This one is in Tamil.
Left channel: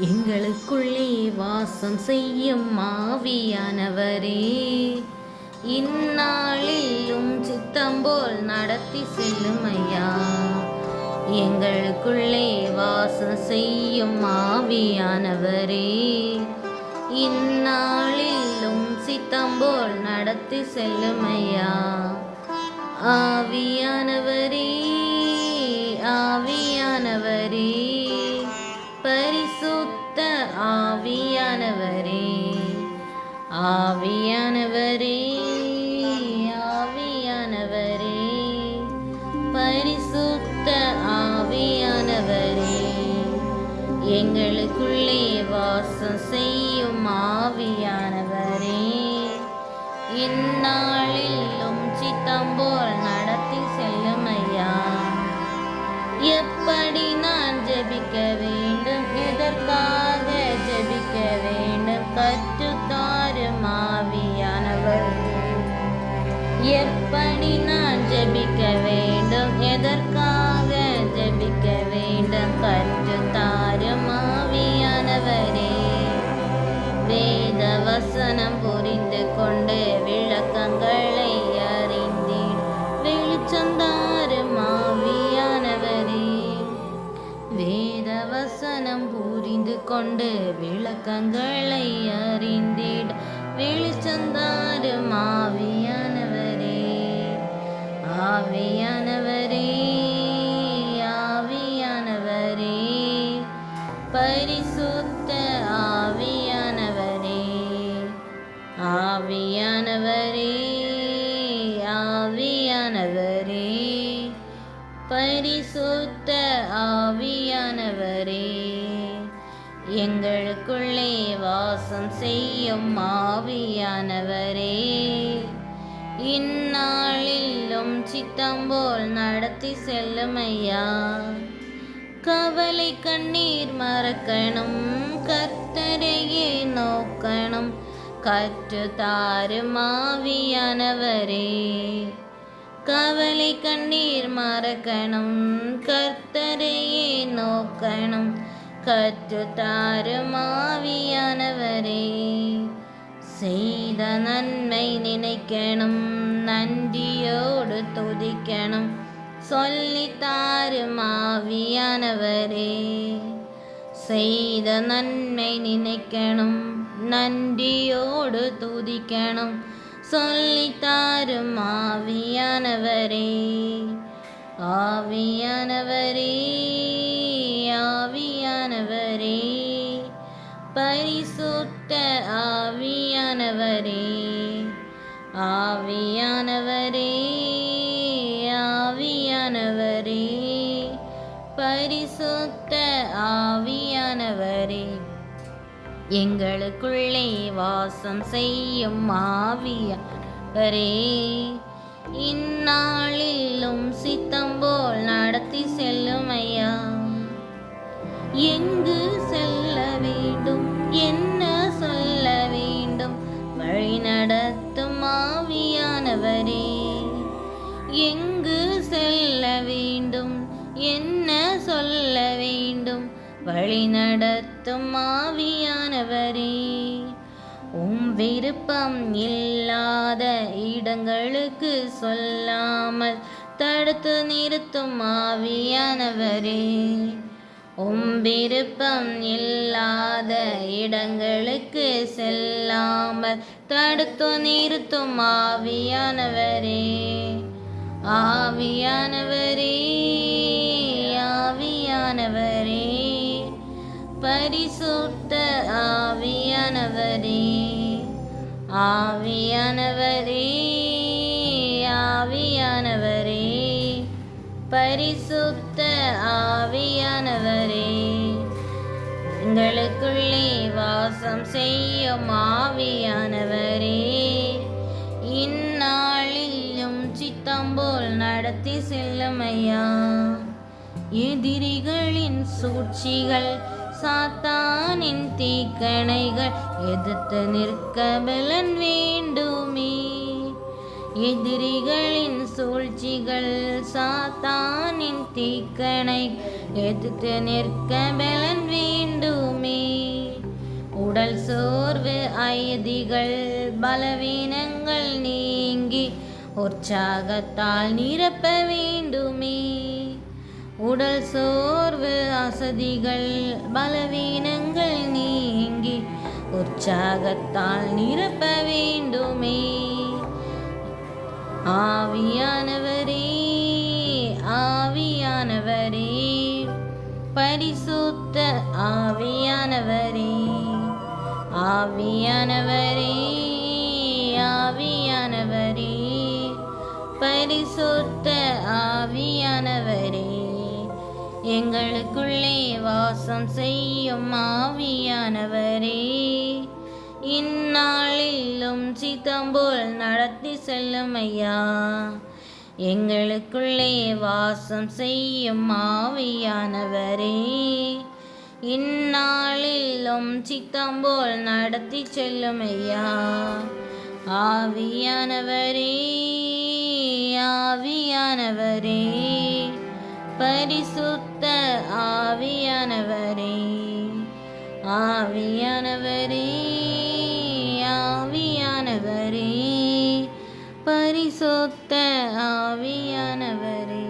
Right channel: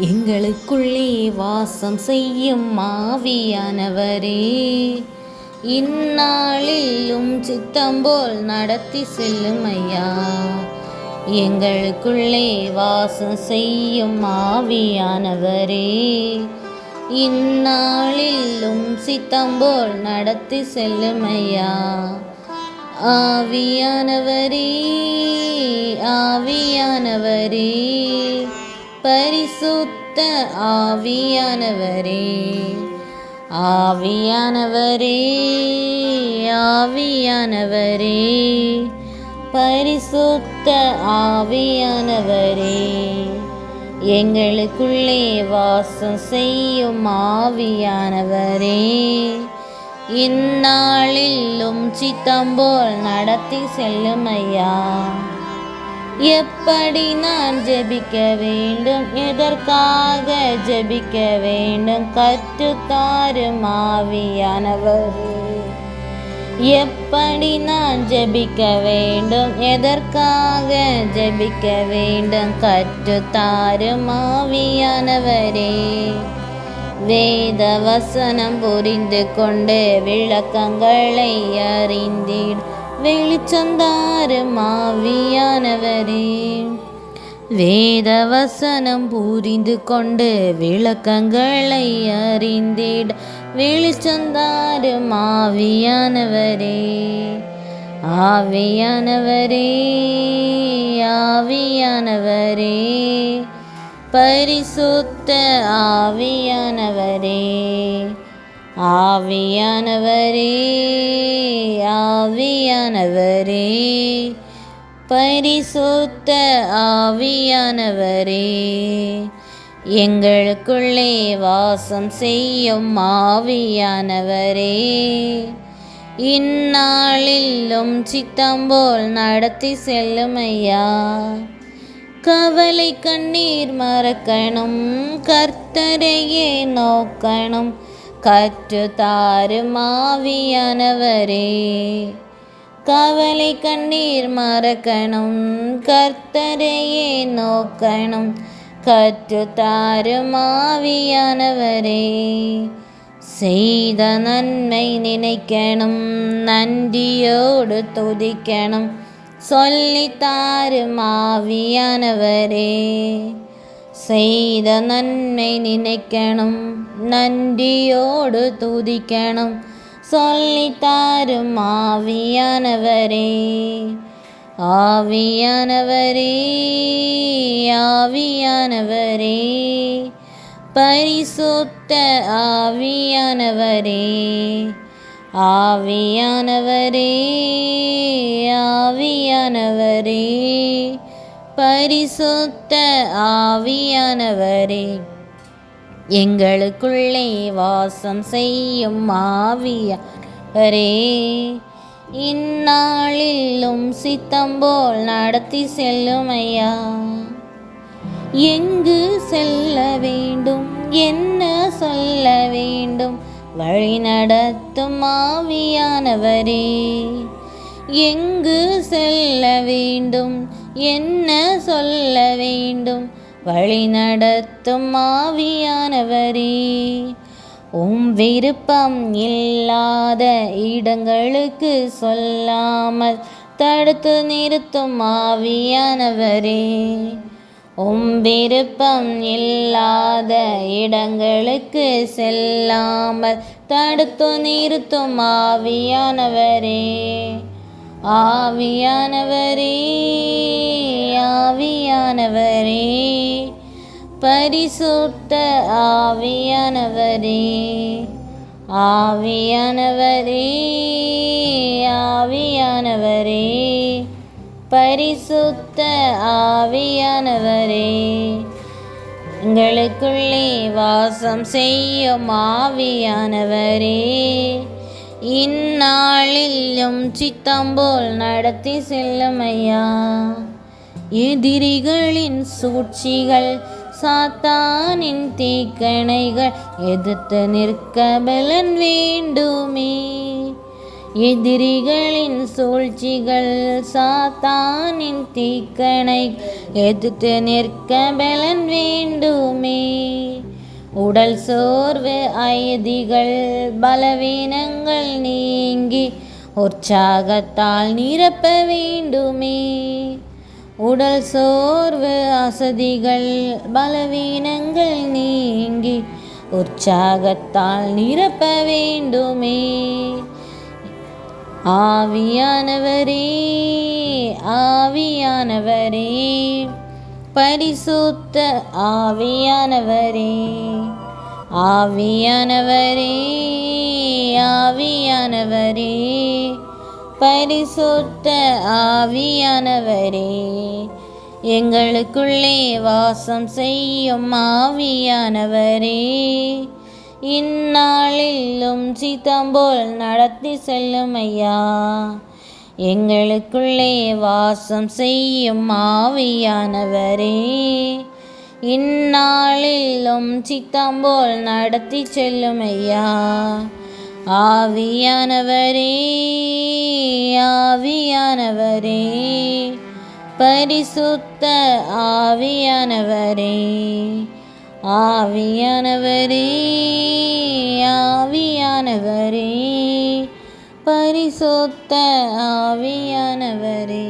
எங்களுக்குள்ளே வாசம் செய்யும் ஆவியானவரே, இந்நாளிலும் சித்தம்போல் நடத்தி செல்லும் ஐயா. எங்களுக்குள்ளே வாசம் செய்யும் ஆவியானவரே, இந்நாளிலும் சித்தம்போல் நடத்தி செல்லும் ஐயா. ஆவியானவரே, ஆவியானவரே, பரிசுத்த ஆவியானவரே, ஆவியானவரே, ஆவியானவரே, பரிசுத்த ஆவியானவரே, எங்களுக்குள்ளே வாசம் செய்யும் ஆவியானவரே, இந்நாளிலும் சித்தம்போல் நடத்தி செல்லும் ஐயா. எப்படி நான் ஜெபிக்க வேண்டும், எதற்காக ஜெபிக்க வேண்டும், கற்றுத்தாரும் ஆவியானவரே. எப்படி நான் ஜெபிக்க வேண்டும், எதற்காக ஜெபிக்க வேண்டும், கற்றுத்தாரும் ஆவியானவரே. வேத வசனம் புரிந்து கொண்டு விளக்கங்களை அறிந்தீர் வெளிச்சந்தாரும் ஆவியானவரே. வேத வசனம் புரிந்து கொண்டு விளக்கங்களை அறிந்திட வெளிச்சந்தாரும் ஆவியானவரே. ஆவியானவரே, ஆவியானவரே, பரிசுத்த ஆவியானவரே, ஆவியானவரே, ஆவியானவரே, பரிசுத்த ஆவியானவரே, எங்களுக்குள்ளே வாசம் செய்யும் ஆவியானவரே, இந்நாளிலும் சித்தம்போல் நடத்தி செல்லும் ஐயா. கவலை கண்ணீர் மறக்கணும், கர்த்தரையே நோக்கணும், கற்றுத்தாரும் ஆவியானவரே. கவலை கண்ணீர் மறக்கணும், கர்த்தரையே நோக்கணும், கற்றுத்தாரும் ஆவியானவரே. செய்த நன்மை நினைக்கணும், நன்றியோடு துதிக்கணும், சொல்லித்தாரும் ஆவியானவரே. செய்த நன்மை நினைக்கணும், நன்றியோடு துதிக்கணும், சொல்லித்தாரும் ஆவியானவரே. ஆவியானவரே, ஆவியானவரே, பரிசுத்த ஆவியானவரே, ஆவியானவரே, ஆவியானவரே, பரிசுத்த ஆவியானவரே, எங்களுக்குள்ளே வாசம் செய்யும் ஆவியானவரே, இந்நாளிலும் சித்தம்போல் நடத்தி செல்லும் ஐயா. எங்கு செல்ல வேண்டும், என்ன சொல்ல வேண்டும், வழி நடத்தும் ஆவியானவரே. எங்கு செல்ல வேண்டும், என்ன சொல்ல வேண்டும், வழி நடத்தும் ஆவியானவரே. விருப்பம் இல்லாத இடங்களுக்கு சொல்லாமல் தடுத்து நிறுத்தும் ஆவியானவரே. விருப்பம் இல்லாத இடங்களுக்கு செல்லாமல் தடுத்து நிறுத்தும் ஆவியானவரே. ஆவியானவரே, ஆவியானவரே, பரிசுத்த ஆவியானவரே, ஆவியானவரே, ஆவியானவரே, பரிசுத்த ஆவியானவரே, எங்களுக்குள்ளே வாசம் செய்யும் ஆவியானவரே, இந்நாளிலும் சித்தம்போல் நடத்தி செல்லும் ஐயா. எதிரிகளின் சூழ்ச்சிகள், சாத்தானின் தீக்கணைகள் எதிர்த்து நிற்க பலன் வேண்டுமே. எதிரிகளின் சூழ்ச்சிகள், சாத்தானின் தீக்கணை எதிர்த்து நிற்க பலன் வேண்டுமே. உடல் சோர்வு அயதிகள் பலவீனங்கள் நீங்கி உற்சாகத்தால் நிரப்ப வேண்டுமே. உடல் சோர்வு அசதிகள் பலவீனங்கள் நீங்கி உற்சாகத்தால் நிரப்ப வேண்டுமே. ஆவியானவரே ஆவியானவரே பரிசுத்த ஆவியானவரே ஆவியானவரே ஆவியானவரே பரிசுத்த ஆவியானவரே எங்களுக்குள்ளே வாசம் செய்யும் ஆவியானவரே இந்நாளிலும் சித்தம்போல் நடத்தி செல்லும் ஐயா. எங்களுக்குள்ளே வாசம் செய்யும் ஆவியானவரே இந்நாளிலும் சித்தம்போல் நடத்தி செல்லும் ஐயா. ஆவியானவரே ஆவியானவரே பரிசுத்த ஆவியானவரே ஆவியானவரே ஆவியானவரே பரிசுத்த ஆவியானவரே